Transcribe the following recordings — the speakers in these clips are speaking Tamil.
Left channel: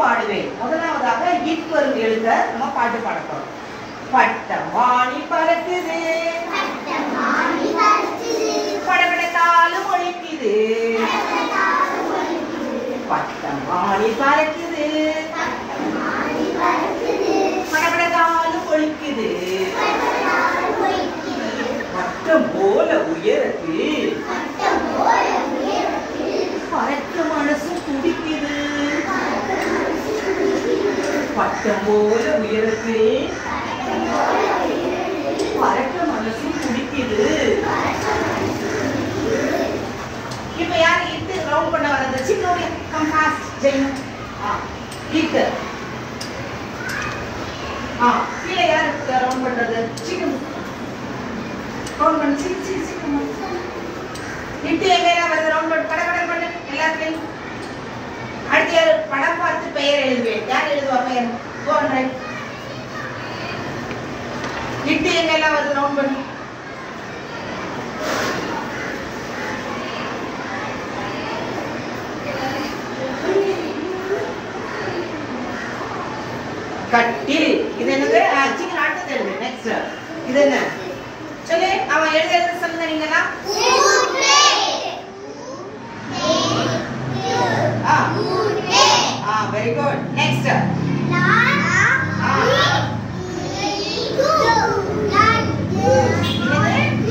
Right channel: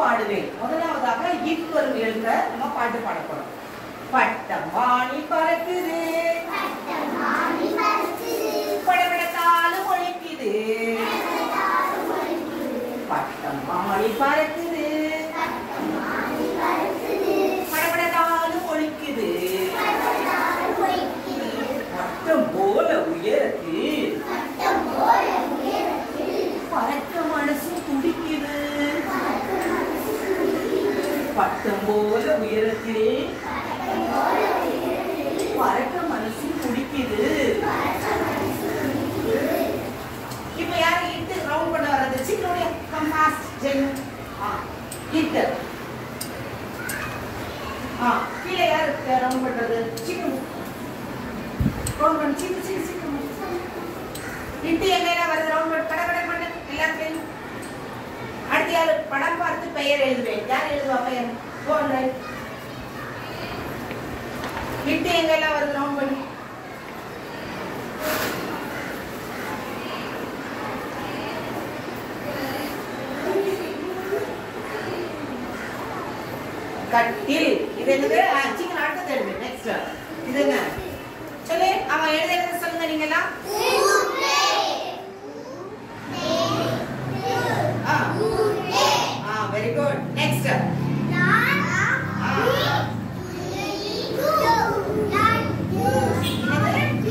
பாடுவேன். முதலாவதாக இட் வரும் எழுத நம்ம பாட்டு பாட போறோம். பட்டமானி பறக்குது, படபடத்தாலும் ஒழிக்குது. பட்டமானி பறக்குது, படபடத்தாலும் ஒழிக்குது. பட்டம் போல உயரத்தில் பறக்க மனசு துடிக்குது. பட்டம் போல உயரத்திலே பறக்க மனசு துடிக்குது. இப்ப யாரு இட்டு ரவுண்ட் பண்ண வரது? சின்னோட கம் ஃபாஸ்ட் ஜெயினு. இட்டு கீழே யாரு ரவுண்ட் பண்றது? சிக்கன் ரவுண்ட் பண்ணு. சிக்கன் இட்டு எங்க வருது? ரவுண்ட் பண்ணு. கடை பண்ணு எல்லாத்தையும். அடுத்து யாரு படம் பார்த்து பெயர் எழுதுவேன். யார் எழுதுவா பெயர்? Go and write. இட்டு எங்க எல்லாம் வருது? ரவுண்ட் பண்ணு. கட்டில். இது என்னது? சிக்கன் அடுத்தது எழுது. நெக்ஸ்ட் இது என்ன சொல்லு? அவன் எழுதுறது சொல்லுங்க நீங்களா. Very good. Next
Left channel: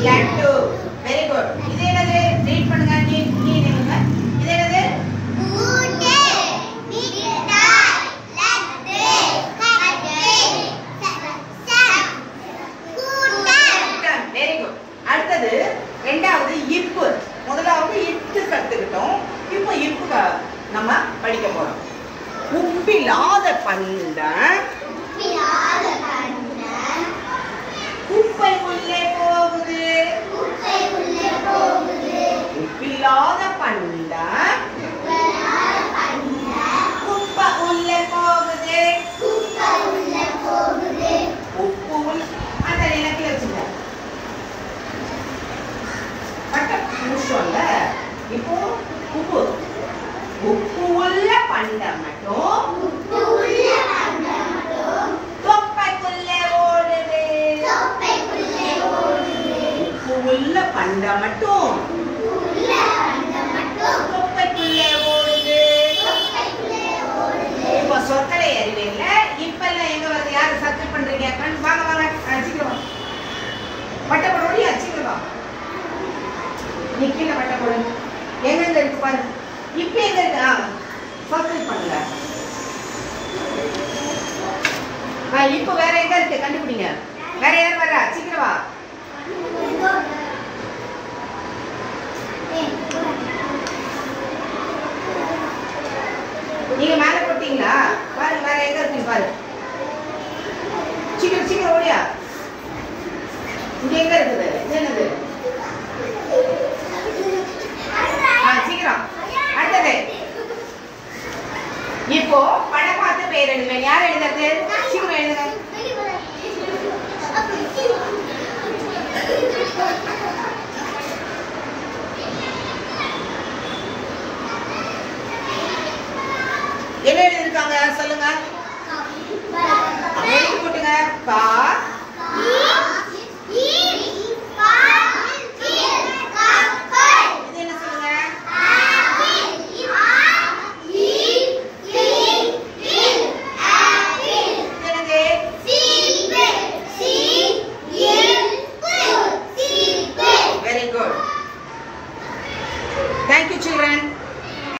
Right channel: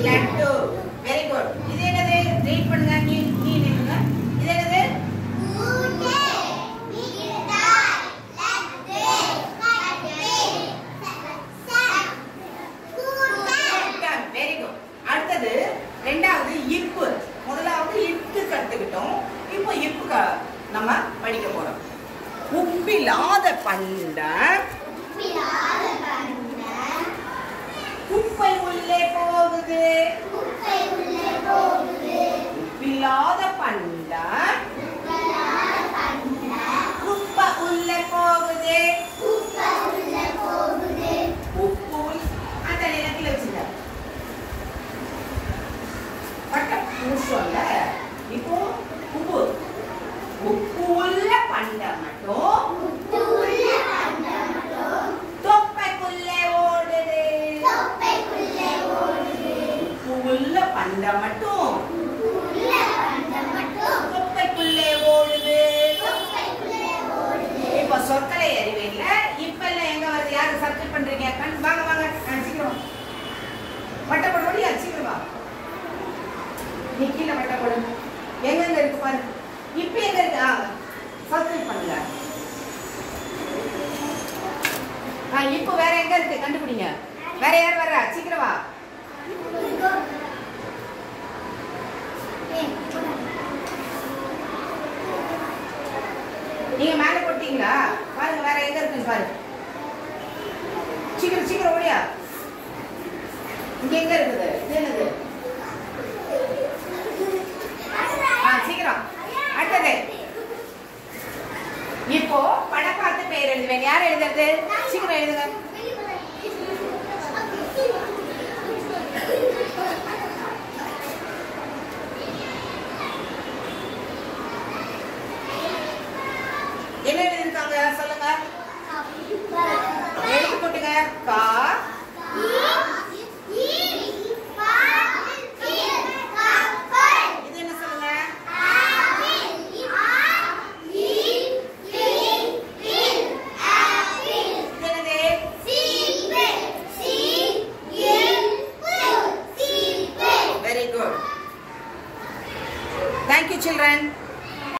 laddu. Very good. இது என்னது? ரீட் பண்ணுங்க. நீ நில்லுங்க. இது என்னது? Very good. அடுத்தது ரெண்டாவது இப்பு. முதலாவது இட்டு கத்துக்கிட்டோம். இப்போ இப்பு நம்ம படிக்க போறோம். உப்பில்லாத பண்டை குப்பை உள்ளே போகுது. உப்பில்லாத பண்டை குப்பை உள்ளே போகுது. உப்பு அந்த நிலத்தில் வச்சுங்க. பட்டம் முடிச்சோம்ல. இப்போ உப்பு உப்பு உள்ள பண்டை மட்டும் தொப்பைக்குள்ளே ஓடுது. உப்பு உள்ள பண்டை மட்டும் தொப்பைக்குள்ளே ஓடுது. இப்போ சொற்களை அறிவேல. இப்பெல்லாம் எங்க வருது? யாரு சப்ஸ்கிரைப் பண்றீங்க? வாங்க வாங்க சீக்கிரம் பட்டை போட முடியா? சீக்கிரம் வா. நீ கீழே பட்டை போடுங்க. எங்க இருக்கு பாரு. இப்ப எங்க இருக்கு? சப்ஸ்கிரைப் பண்ணுங்க. இப்ப வேற எங்க இருக்கு? கண்டுபிடிங்க. வேற யார் வரா? சீக்கிரம் வா. நீங்க மேல போட்டீங்களா? பாருங்க வேற எங்க இருக்கு பாரு. சீக்கிரம் சீக்கிரம் ஓடியா. இங்க எங்க இருக்குது? என்னது? சீக்கிரம். அடுத்தது இப்போ படம் பார்த்து பெயர் எழுதுவேன். யார் எழுதுறது? சீக்கிரம் எழுதுங்க. என்ன எழுதிருக்காங்க சொல்லுங்க. எழுதி போட்டுங்க. கா